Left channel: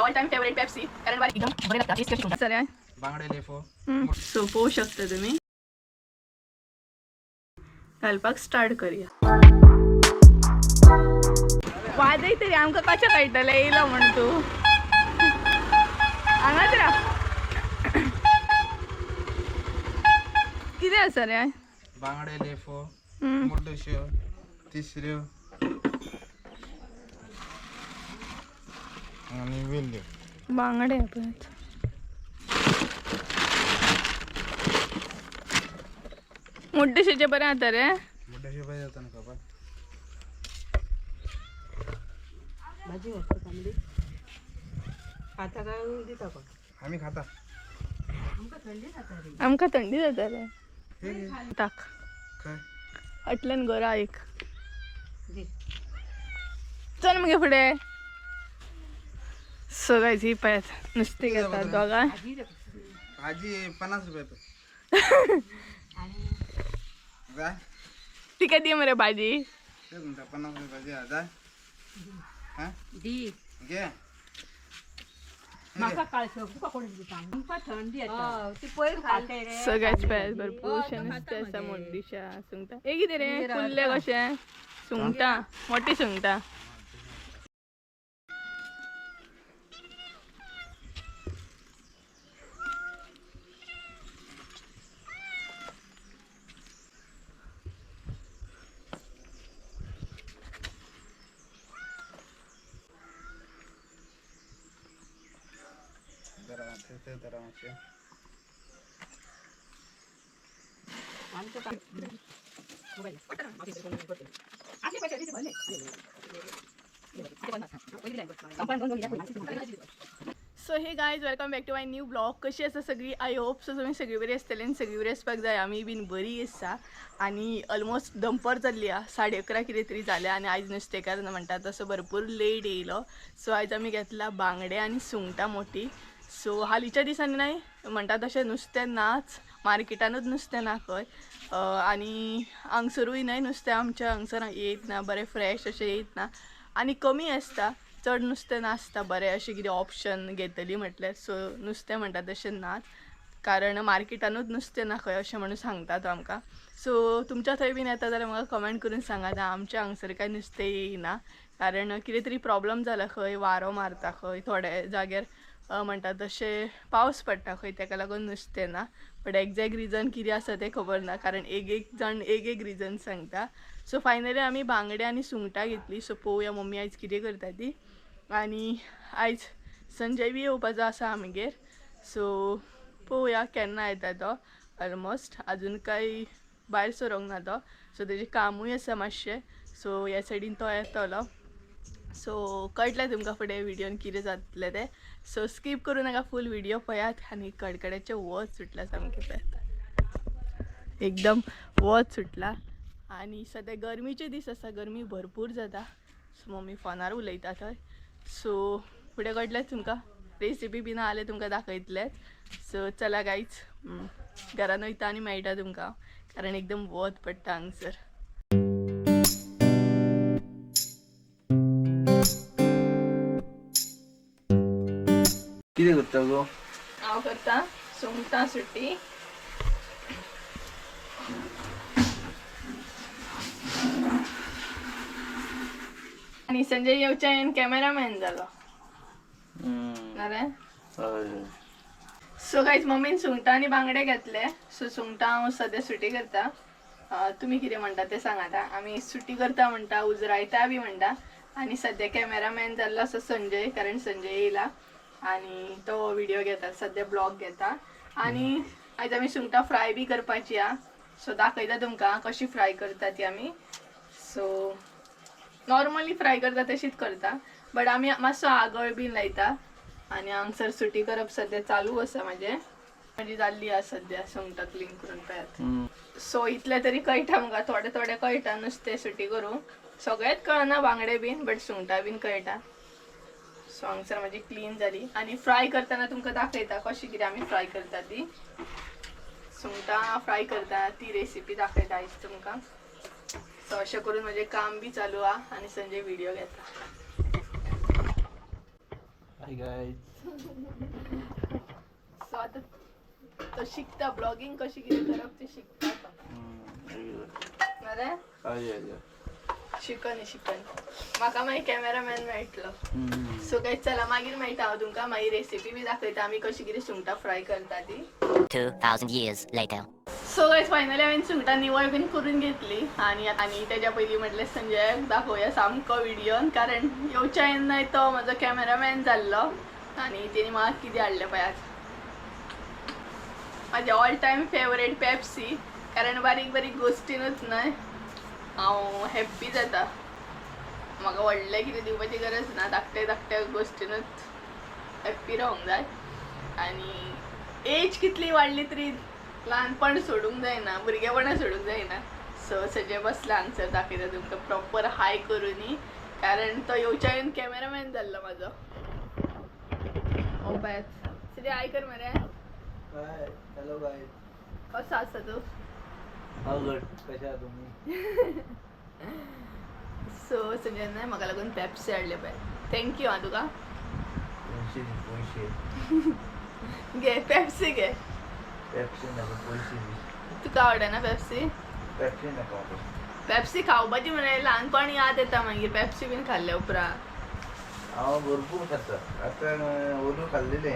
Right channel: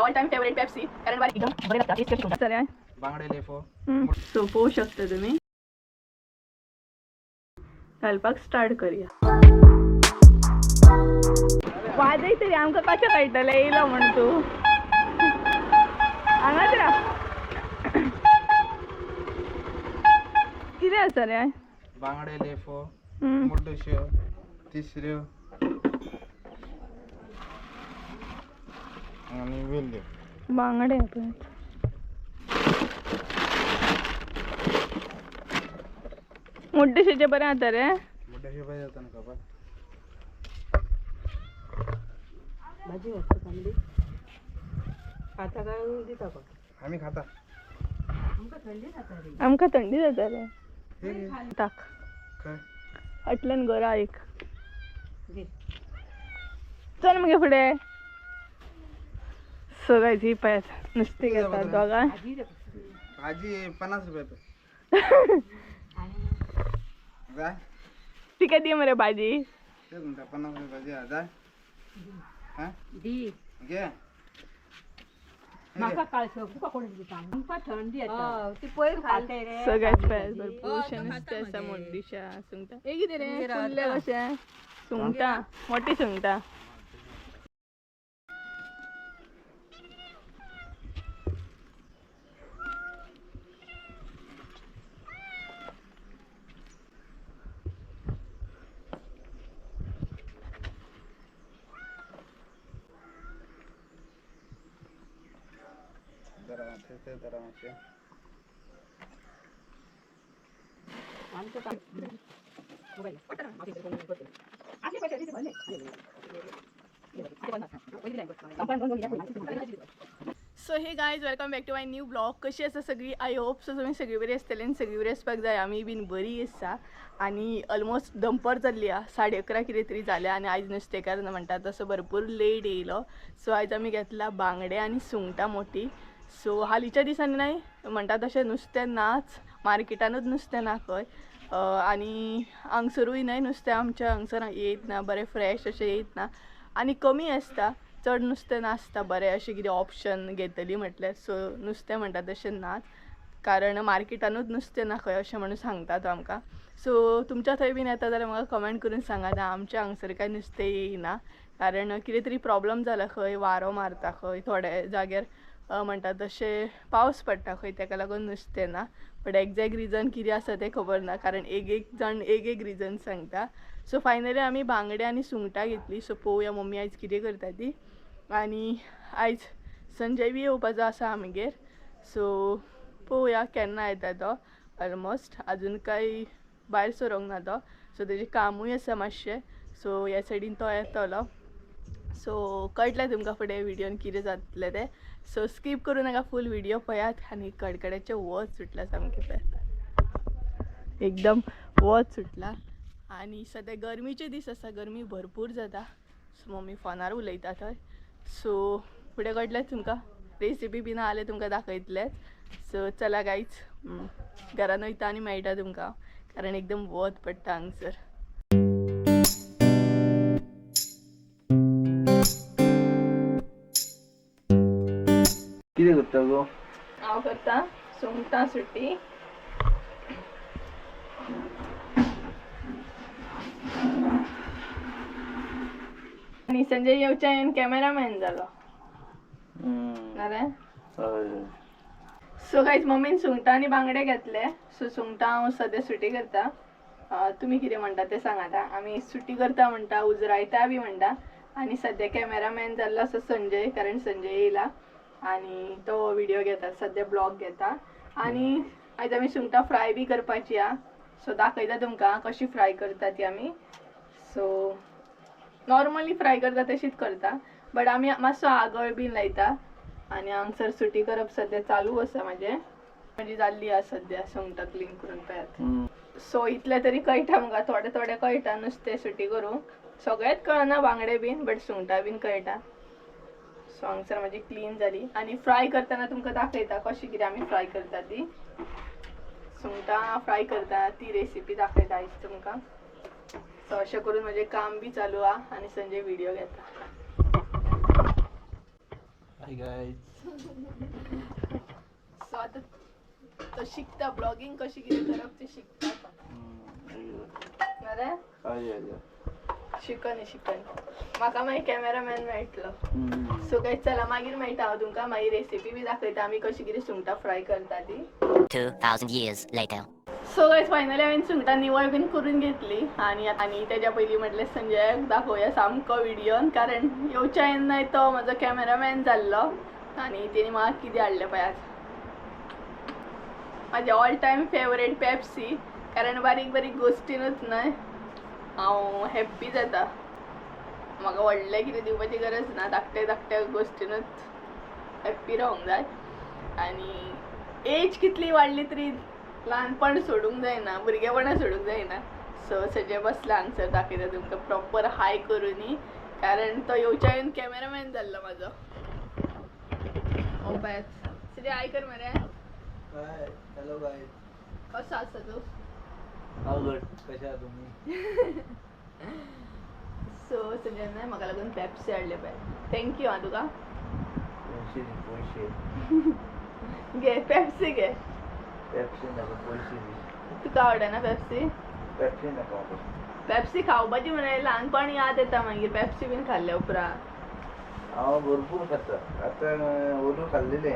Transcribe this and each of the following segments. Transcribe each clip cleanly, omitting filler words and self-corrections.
माझा all time favourite Pepsi कारण बारीक एकदम बरे लागतात टेस्ट कशी होतात सर बांगडे लेफो सो पोवू शकता तुम्ही घालपाक स्टार्ट करूया वाजय तरी आमकां कशें कळटलें येयलो म्हण तूं हांगाच राव कितें आसा रे बांगडे लेफो मुड्डुश्यो तिसऱ्यो आणि वेल्ल्यो बांगडे पळय मुड्डुशेचे बरें जाता रे मुड्डुश्यो पाहिजे जाता ना खबर भाजी वाजता चांगली खाता काय दिता का आम्ही खाता आमकां थंडी जाता रे हे घे. टाक काय फाटल्यान घरा एक चल मगे फुडें सो गायज ही पळयात नुस्तें घेतात दोगां भाजी 50 रुपये जाय तिका दी मरे भाजी तेच म्हणता 50 रुपये भाजी आहे. जाय हा दी घे म्हाका काळसो तुका कोण दिता आमकां थंडी येता ती पयर खाते रे सो गायज पळयात भरपूरशे नुस्तें आसा मुड्डुश्या सुंगटां हे कितें रे फुल्ले कशें सुंगटां मोठी सुंगटां जरा मातशे आमचं काम so hey guys welcome back to my new blog कशी आसा सगळी आय होप सो तुमी सगळी बरी आसतली आनी सगळी बरी आसपाक जाय आमी बीन बरी आसा आनी ऑलमोस्ट दनपार जाल्ली आहा 11:30 कितें तरी जाल्या आनी आयज नुस्तेकार म्हणटा तसो भरपूर लेट येयलो सो आयज आमी घेतला बांगडे आनी सुंगटां मोठी सो हालींच्या दिसांनी नाही म्हणटा तशें नुस्तें नाच मार्केटानूच नुस्तें ना खंय आनी हांगसरूय न्हय नुस्तें आमच्या हांगसर येयत ना बरें फ्रेश अशें येयत ना आनी कमी आसता चड नुस्तें नासता बरें अशें कितें ऑप्शन घेतली म्हटल्यार सो नुस्तें म्हणटा तशें नाच कारण मार्केटानूच नुस्तें ना खंय अशें म्हणून सांगता तो आमकां सो तुमच्या थंय बीन येता जाल्यार म्हाका कमेंट करून सांगात आमच्या हांगसर कांय नुस्तें येयना कारण कितें तरी प्रॉब्लम जाला खंय वारो मारता खंय थोड्या जाग्यार म्हणटा तशें पावस पडटा खंय ताका लागून नुस्तें ना बट एक्झॅक्ट रिजन कितें आसा तें खबर ना कारण एक जण एक रिजन सांगता सो फायनली आमी बांगडे आनी सुंगटां घेतली सो पळोवया मम्मी आयज कितें करता ती आनी आयज संजय बी येवपाचो आसा आमगेर सो पळोवया केन्ना येता तो ऑलमोस्ट अजून कांय भायर सरोंक ना तो सो तेजें कामूय आसा मातशें सो ह्या सायडीन तो येतलो सो कळटलें तुमकां फुडें विडियोन कितें जातलें तें सो स्कीप करूं नाका फूल व्हिडियो पळयात आनी कडकड्याचें वत सुटला सामकें पळयात एकदम वत सुटला आनी सद्या गरमीचे दीस आसा गरमी भरपूर जाता सो मम्मी फोनार उलयता थंय सो फुडें कळटलें तुमकां रेसिपी बीन आले तुमकां दाखयतलेच सो चला गायज घरान वयता आनी मेळटा तुमकां कारण एकदम वत पडटा हांगसर कितें करता गो हांव करता सुंगटां सुटी आनी संजय येवच्यान कॅमेरामॅन जालो सो गायज मम्मीन सुंगटां आनी बांगडे घेतले सो सुंगटां हांव सद्या सुटी करता तुमी कितें म्हणटा तें सांगाता आमी सुटी करता म्हणटा उजरायता बी म्हणटा आनी सद्या कॅमेरामॅन जाल्लो आसा संजय कारण संजय येयला आनी तो व्हिडियो घेता सद्या ब्लॉग घेता आनी आयज आमी सुंगटां फ्राय बी करपाची आहा सो दाखयता तुमकां कशी फ्राय करता ती आमी सो नॉर्मली फ्राय करता तशीच करता बट आमी मातसो आगळ बीन लायता आनी हांगसर सुटी करप सद्या चालू आसा म्हणजे जाल्ली आहा सद्या सुंगटां क्लीन करून पळयात सो इतलें तरी कळटा म्हाका थोडें कळटा नुस्तें सुटी करूंक सगळेंच कळना बांगडे बीन बट सुंगटां बीन कळटा सो हांगसर म्हाजी क्लीन जाली आनी फ्राय करतना तुमकां दाखयता कशी कितें आमी फ्राय करता ती सुंगटां फ्राय करता ती रेसिपी दाखयता आयज तुमकां सो अशें करून म्हजें काम बी चालू आहा आनी संजय व्हिडियो घेता हाय गाइस. सो आता तो शिकता ब्लॉगिंग कशी किती करप ते शिकता बरे शिकन म्हाका मागीर कॅमेरामॅन मेळटलो. सो काय चला मागीर मेळटा हांव तुमकां मागीर रेसिपी बी दाखयता आमी कशी कितें सुंगटां फ्राय करता ती. 2000 years later. So guys finally हांवें सुंगटां निवळ बीन करून घेतली आणि तेज्या पयलीं म्हटलें संजयाक दाखोवया सामको व्हिडियोन, कारण येवच्या येन्नाय तो म्हजो कॅमेरामॅन जाल्लो आनी तेणी म्हाका कितें हाडलें पळय आज म्हाजें ऑल टायम फेवरेट पेप्सी, कारण बारीक बारीक गोश्टीनूच न्हय हांव हॅप्पी जाता. म्हाका व्हडलें कितें दिवपाची गरज ना, धाकट्या गोश्टीनूच हॅप्पी रावंक जाय. आनी एज कितली वाडली तरी ल्हानपण सोडूंक जायना, भुरगेपणां सोडूंक जायना. सो सजे बसला हांगसर दाखयता तुमकां प्रॉपर हाय करूनी, कारण तो येवच्या येवन कॅमेरामॅन जाल्लो म्हाजो. ओ बॅच सजे हाय कर मरे. Hi hello guys. कसो आसा तू? हांव गुड. कशे आहा तुमी? सो सगळ्यांना म्हाका लागून पेप्सी हाडले पळय. थँक्यू आं तुका. पैसे घे पेप्सी घे. पेप्सी नाका पैसे दी. तुका आवडना पेप्सी? पेप्सी नाका. पेप्सी खावपाची म्हणे ल्हानपण याद येता मागीर पेप्सी बीन खाल्ल्या उपरांत. हांव भरपूर खाता. आतां ओलू खाल्लेले.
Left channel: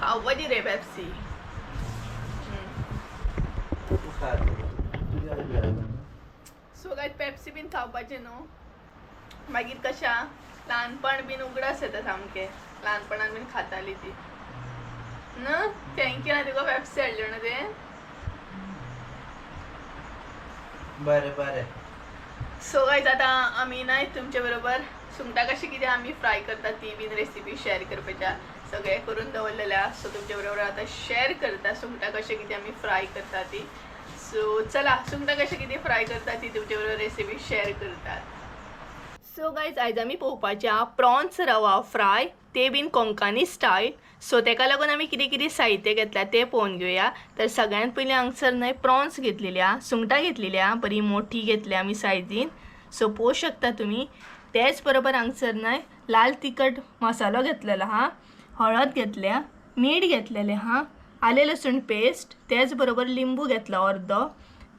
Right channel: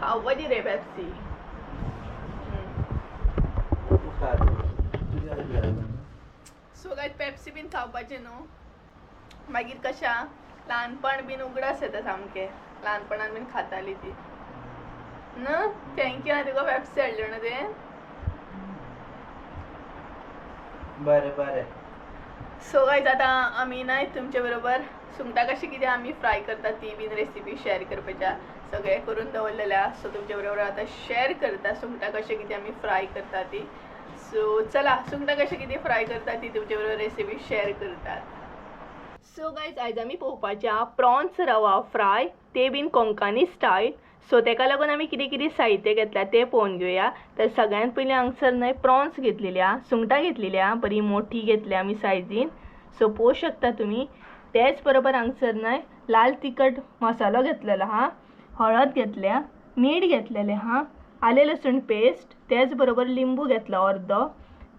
खावपाची रे पेप्सी. सो काय पेप्सी बीन खावपाचें न्हू, मागीर कशा ल्हानपण बीन उगडास येता सामकें. ल्हानपणान बीन खाताली ती न्हू. थँक्यू आं तुका पेप्सी हाडल्यो न्हू ते. बरें. सो गायज आतां आमी नाय तुमचे बरोबर सुंगटां कशी कितें आमी फ्राय करता ती बीन रेसिपी शेअर करपाच्या सगळें करून दवरलेल्या. सो तुमच्या बरोबर आतां शेअर करता सुंगटां कशें कितें आमी फ्राय करता ती. सो चला सुंगटां कशें कितें फ्राय करता ती तुमच्या बरोबर रेसिपी शेअर करतात. सो गायज आयज आमी पळोवपाचें आहा प्रॉन्स रवा फ्राय, ते बीन कोंकणी स्टायल. सो तेका लागून आमी कितें कितें साहित्य घेतल्या तें पळोवन घेवया. तर सगळ्यात पयलीं हांगसर न्हय प्रॉन्स घेतलेले आहा, सुंगटां घेतलेली आहा, बरी मोठी घेतल्या आमी सायजीन. सो पळोवं शकता तुमी. तेच बरोबर हांगसर न्हय लाल तिखट मसालो घेतलेलो आहा, हळद घेतल्या, मीठ घेतलेलें आहा, आलें लसूण पेस्ट, तेच बरोबर लिंबू घेतला अर्दो.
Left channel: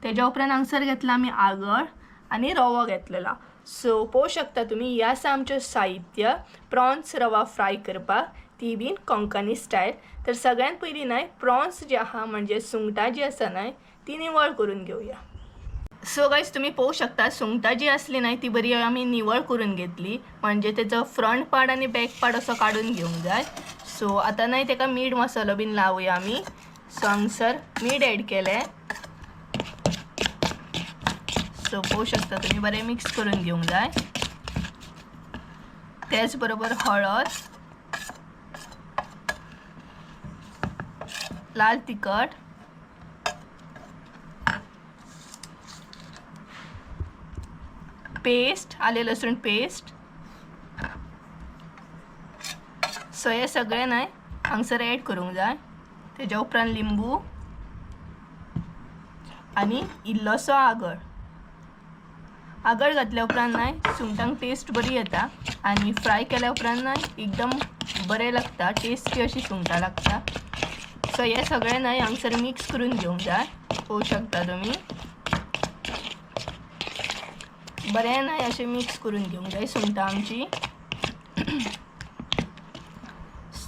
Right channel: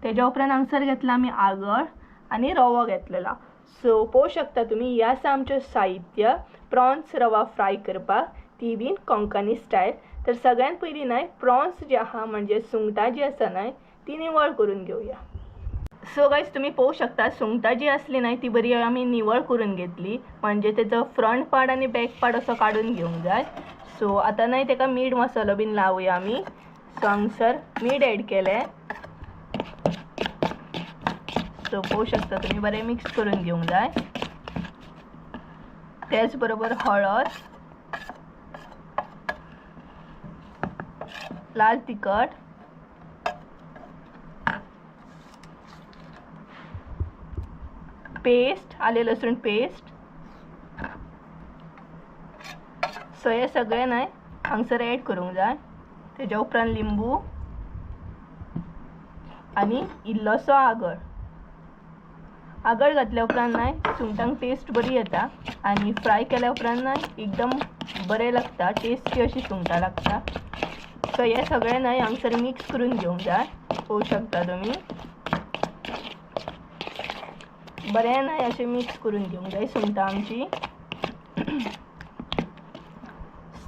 तेज्या उपरांत हांगसर घेतला आमी आगळ आनी रवो घेतलेला. सो पळोवं शकता तुमी हें आसा आमचें साहित्य प्रॉन्स रवा फ्राय करपाक, ती बीन कोंकणी स्टायल. तर सगळ्यात पयलीं न्हय प्रॉन्स जे आहा म्हणजे सुंगटां जी आसा न्हय ती निवळ करून घेवया. सो गायज तुमी पळोवं शकता सुंगटां जी आसली न्हय ती बरी आमी निवळ करून घेतली, म्हणजे तेजो फ्रंट पार्ट आनी बॅक पार्ट असो काडून घेवंक जाय. सो आतां न्हय तेका मीठ मसालो बीन लावया आमी. सो हांगसर मीठ एड केलें. सो पळोवं शकता तुमी बरें मिक्स करून घेवंक जाय. तेच बरोबर हळद, लाल तिखट, पेस्ट, आले लसूण पेस्ट. सो हे सगळें न्हय हांगसर एड करूंक जाय. तेज्या उपरांत लिंबू आनी इल्लोसो आगळ. आगळ घातल्या उपरांत न्हय सुंगटांक टेस्ट बरी येता आनी फ्राय केल्या उपरांत न्हय एकदम बरें लागता, टेस्टी अशी सुंगटां लागता. सो हे सगळें न्हय हांगसर मिक्स करून घेवंक जाय. पळोवं शकता तुमी बरें न्हय अशें मिक्स करून घेवंक जाय सुंगटां आमची.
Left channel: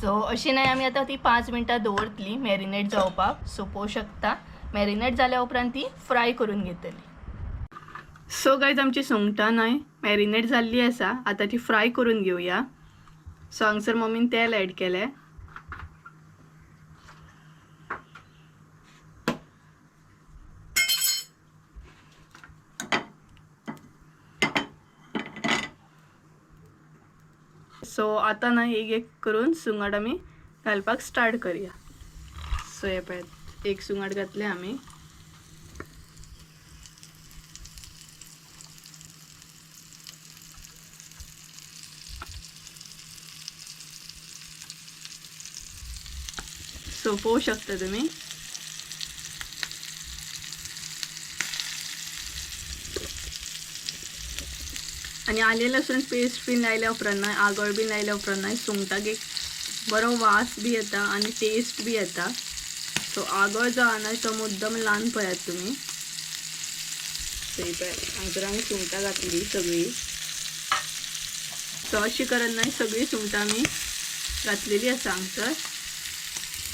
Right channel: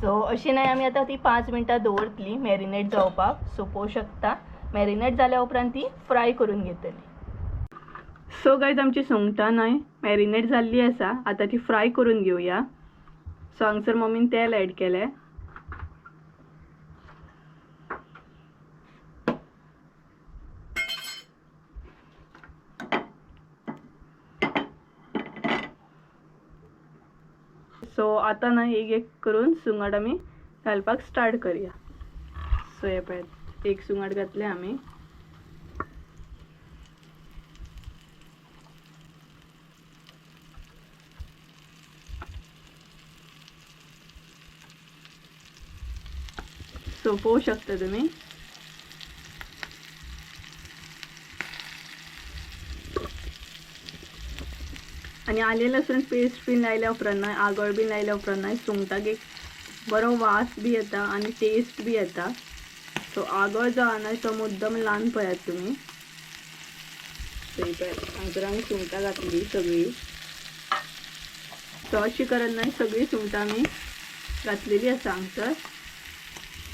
सो अशी न्हय आमी आतां ती 5 मिनटां दवरतली मॅरिनेट जावपाक. सो पळोवं शकता मॅरिनेट जाल्या उपरांत ती फ्राय करून घेतली. सो गायज आमची सुंगटां न्हय मॅरिनेट जाल्ली आसा, आतां ती फ्राय करून घेवया. सो हांगसर मम्मीन तेल एड केलें. सो आतां न्हय एक एक करून सुंगट आमी घालपाक स्टार्ट करया. सो हे पळय एक सुंगट घातलें आमी. सो पळोवं शकता तुमी आणि आले लसूण पेस्ट बीन लायल्या उपरांत नाही आगळ बीन लायल्या उपरांत नाही सुंगटाक एक बरो वास बी येता आणि टेस्ट बी येता. सो आगळ जो हा ना तो मुद्दम ल्हान पळयात तुमी. हांगर आमी सुंगटां घातली सगळी. सो अशी करत नाही सगळी सुंगटां आमी घातलेली आसा हांगसर.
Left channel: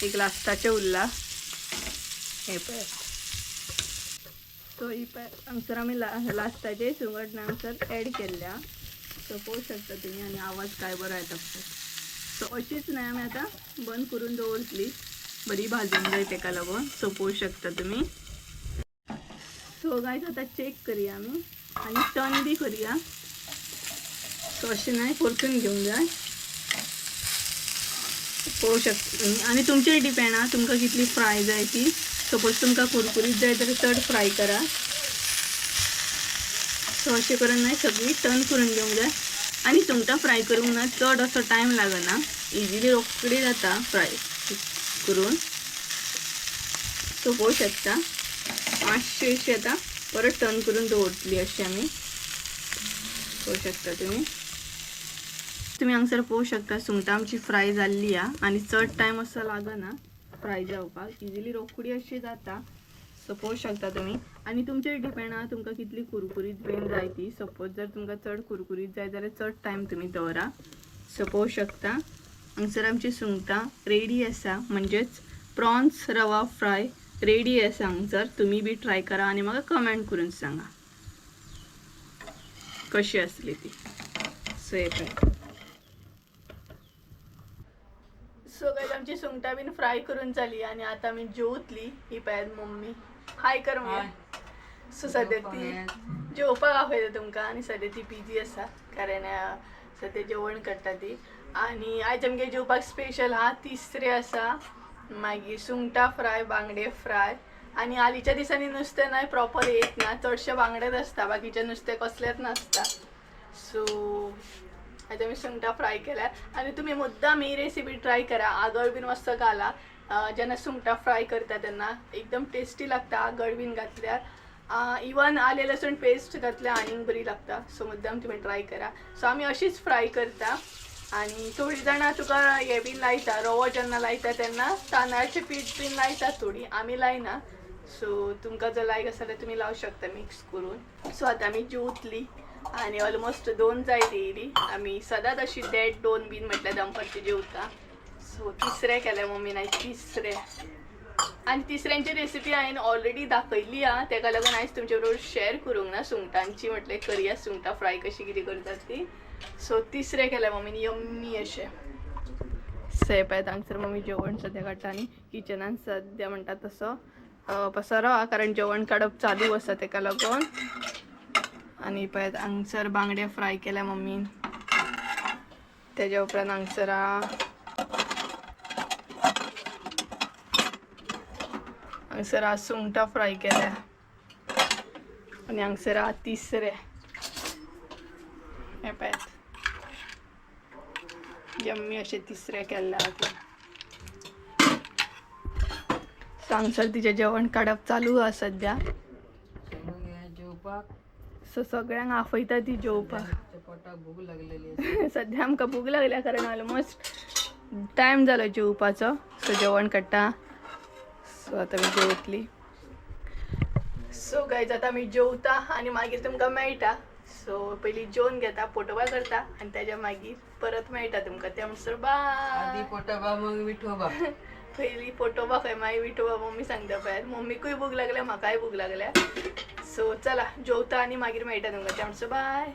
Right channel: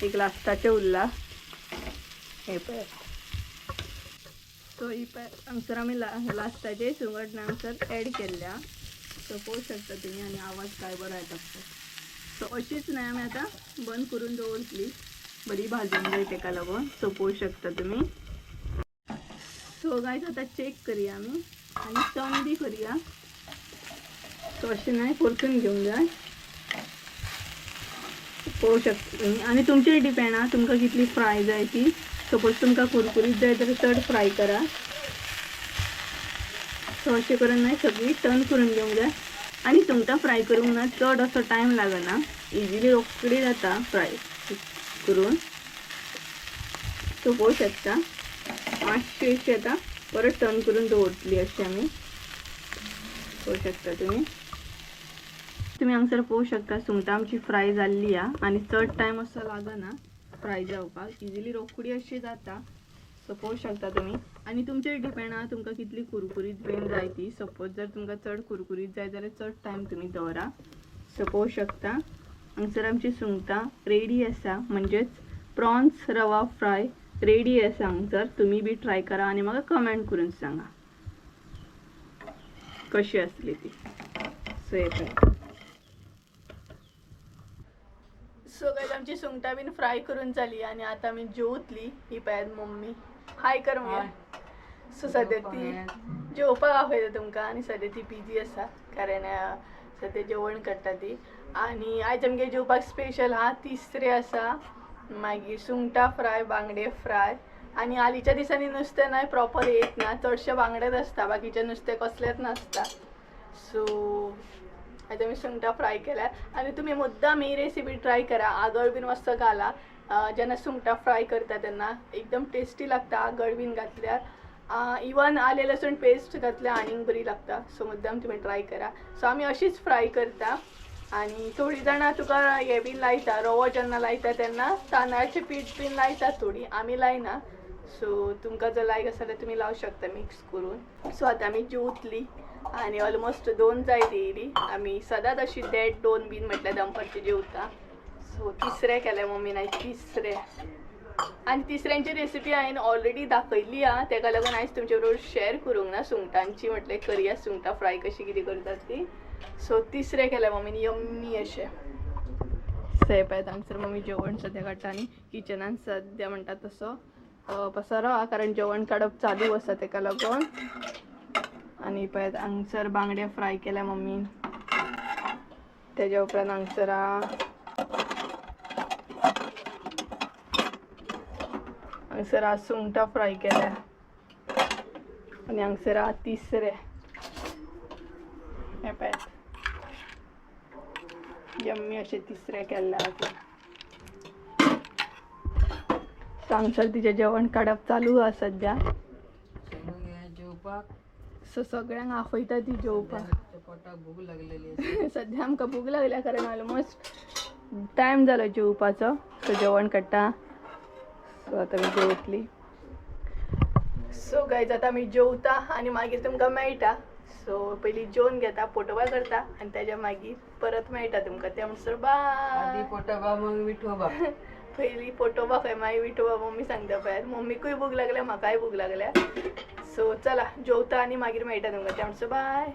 एक लास्टाचे उरला हे पळय. सो ही हांगसर आमी लास्टाचे सुंगट हांगसर एड केल्ल्या. सो पळोवंक शकता तुमी आनी आवाज काय बरो येता. सो अशीच नाही आमी आतां बंद करून दवरतली. बरी भाजून जाय तेका लागून. सो पळोवंक शकता तुमी. सो गायज आता चेक करूया आमी आनी टर्न बी करूया. सो अशें नाही परतून घेवंक जाय. पळोवंक शकता तुमी आनी तुमचेर डिपेंड आहा तुमकां कितली फ्राय जाय ती. सपोज तुमकां कुरकुरीत जाय जाल्यार चड फ्राय करा. सो अशें करून नाही सगळी टर्न करून घेवंक जाय. आनी सुंगटां फ्राय करूंक ना चड असो टायम लागना. इजिली रोखडी जाता फ्राय करून. सो पळोवंक शकता मातशी अशी आता परत टर्न करून दवरतली अशी आमी. पळोवंक शकता तुमी हांगसर पळोवंक शकता सुंगटां आमची फ्राय जाल्ली हा आनी चड टायम असो लागना फ्राय जावपाक. इजिली रोखडी अशी जाता. सो पळोवंक शकता तुमी आनी तुमचेर डिपेंड आहा तुमकां कितली कुरकुरीत बीन जाय ती. सपोज जर तुमकां चड कुरकुरीत जाय जाल्यार चड टायम तुमी दवरा. सो पळोवंक शकता हांगसर आमची सुंगटां रेडी आसा म्हणजेच प्रॉन्स रवा फ्राय रेडी आसा हांगसर. तुमी बी ट्राय करा आनी म्हाका कमेंट करून सांगा कशी आसली ती. सो हे पळय. सो गायज आमची सुंगटां बीन फ्राय करून जाली आनी आतां आमी जेवतली. ही पळयात मम्मी हाय कर मम्मी. सो सद्या ती जेवपाक आपयता तुमकां आनी सद्या ती बिजी आसा कारण सद्या जेवण करता ती. आनी आयज आमगे जेवपाक स्पेशल हा तिसरे आसा मागीर सुंगटां फ्राय बांगडे फ्राय. आनी हालींच्या दिसांनी नुस्तें नाही प्रॉपर येत ना. चडशे बांगडेच आसता बाकीचे नुस्तें कसलेंच नासता. सो आयज आमी सुंगटां फ्राय केल्या आनी तुमी मुद्दाम ही रेसिपी ट्राय करा. आगळ बीन मस्त घाला जेन्ना सुंगटां फ्राय करता तेन्ना एकदम टेस्टी लागता. आगळ बीन घातल्यार इवन आले लसूण पेस्ट घातल्यार आनीक बरी लागता. सो मुद्दाम तुमी ट्राय करा. सो आमी अशीच फ्राय करता. आनी थोडी जाणां तुका हे बीन लायता रवो जेन्ना लायता तेन्ना तांदळाचें पीठ बीन लायता थोडी. आमी लायना. सो तुमकां जर लायक आसा जाल्यार तुमी लावंक शकता मिक्स करून. सो आतां आमी जेवतली आनी ऑलमोस्ट 2 जायत येयली. आमी सदांच अशी 1:30-2 बीन म्हटल्यार दनपारची जेवता. सो तिसरे केले मम्मीन आयज तिसरे. आनी तिसऱ्यांची रेसिपी हांवें ऑलरेडी दाखयल्ली हा तेका लागून आयज तुमचे बरोबर शेअर करूंक ना. सुंगटांची म्हटल्यार करुया सुंगटां फ्राय कशी कितें करतात ती. सो तिसरे केले मम्मीन यम्मी अशें. सो पळयत हांगसर मम्मी जेवण सद्या काडटा आनी किचनान सद्या म्हणटा तसो पसरो हा कारण जेवण काडप चालू आसा तेका लागून. आनी पळयत हांगसर बांगडे फ्राय केल्या मम्मीन. तेज्या उपरांत हांगसर सुंगटां फ्राय केल्या आनी हांगसर तिसरे. हे पळयत यम्मी अशें तिसरे केल्ले आहा. सो हांगसर तिचें जेवण काडप चालू आहा सद्या. सो सगळ्यांक आपयता ती जेवपाक. सद्या आमकां भूक लागल्या कारण ऑलमोस्ट टायम जालो जेवपाचो. सो जेवण काडटा. सो आतां आमी जेवतली. सो गायज आतां आमी जेवता आनी मागीर तुमकां मेळटा. सो पयलीं जेवन घेता पोटोबा करता आनी तेज्या मागीर परत मेळटा तुमकां. त्या म्हणसर बाय. पोटोबा मग विठोबा. पयलीं पोटोबा खंय मागीर विठोबा मम्मी सांगता पळय. मम्मीकूय भूक लागल्या म्हाकाय भूक लागल्या. सो चला जेवता आनी मागीर मेळटा तुमकां. त्या म्हणसर बाय.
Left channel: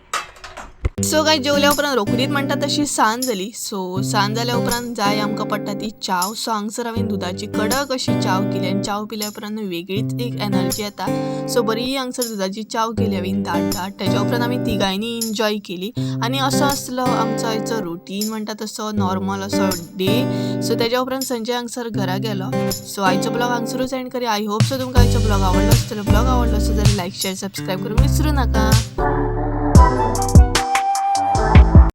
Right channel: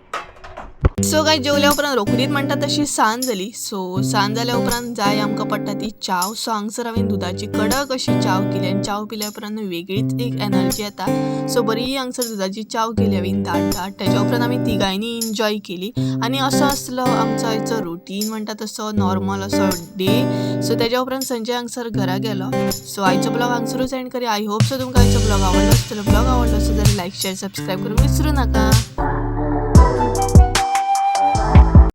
सो गाय जेवल्या उपरांत रोखडीच म्हणटा तशी सांज जाली. सो सांज जाल्या उपरांत जाय आमकां पडटा ती चाव. सो हांगसर हांवें दुदाची कडक अशी चाव केली आनी चाव पिल्या उपरांत वेगळीच एक एनर्जी येता. सो बरी हांगसर दुदाची चाव केली हांवें दाट. तेज्या उपरांत आमी तिगांयनी एन्जॉय केली आनी असो आसलो आमचो आयचो रुटीन म्हणटा तसो नॉर्मल असो डे. सो तेज्या उपरांत संजय हांगसर घरा गेलो. सो आयचो ब्लॉग हांगसरूच एंड करूया. आय होप सो तुमकां आयचो ब्लॉग आवडलो आसतलो. ब्लॉग आवडलो आसत जाल्यार लायक शेअर सबस्क्रायब करूंक विसरूं नाका.